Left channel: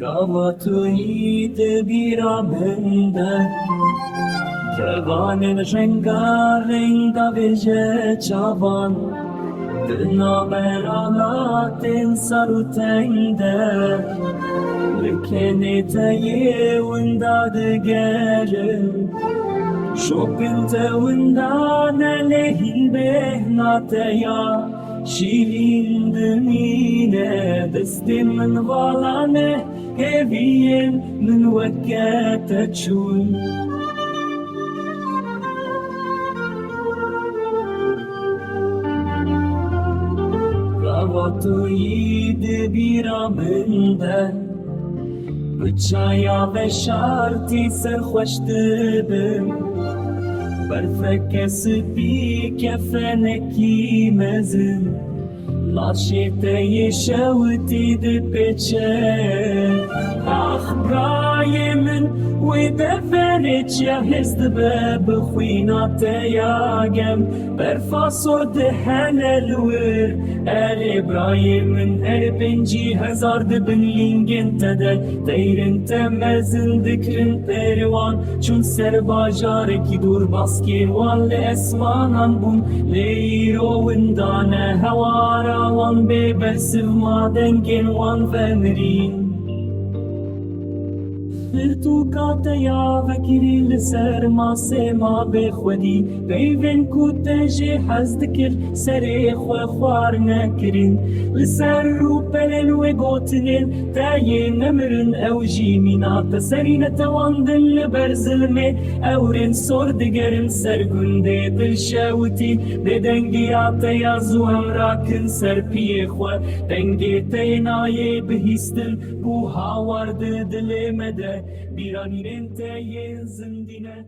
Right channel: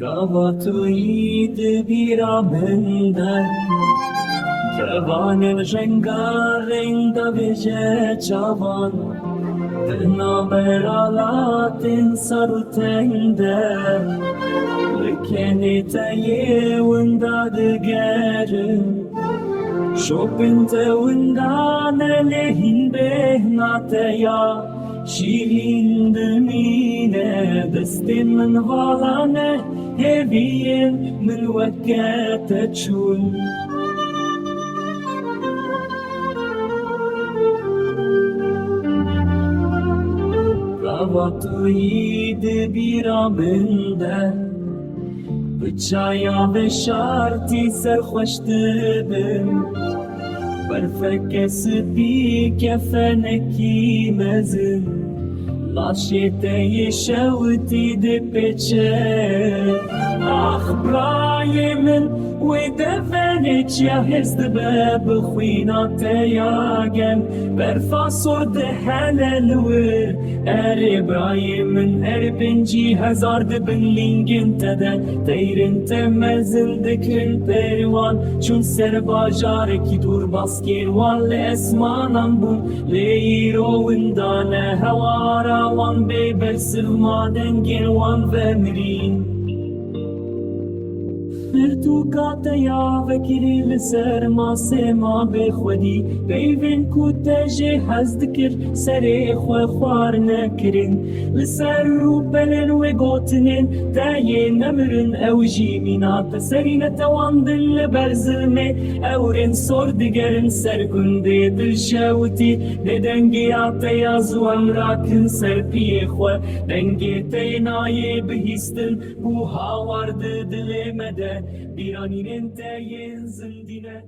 Gava tuyî dibîranîn kevanên rengareng davêje çavan navbera latên sar û teng de kenê teyê winda digerim Şopên te winda nelehîn bêhna çaya şîrîn dimîne Destên min vala ne hêviyên min weke te çûn Gava tuyî dibîranîn çaya veşartî serxweş dibim Berfeke spî kefenekî mezin laşê teyê şewitî dipeçe Ah birayê min wê deverê çaya hez dibe bi xwîna teya gem berfa sor dihene li wir Erê birayê min erê pêncî hezar dibin lîngên te de Teyrin te mezin dikirin pêrwan çûn ser bajarekî dûr baskên wan li esmanan bûn lê îro winda ne hewara wan bê bersiv madengên wan vemirîn Pirtûka teya vekirî li ser masê ma bêxwedî peyvên ku te jê hez dikir serê xwe xwar nekirin li ser rûpelên wê gotinên teyê nemirin ew jî mîna te serî netewandin li ber zilmê ewrên sor digerim ser gundê dil şewitî dê dengiya teya zû em rakin ser piyê xwe dengê teyê nayê bihîstin bû hawar di dilê me de Bîranînên Êşê zindîne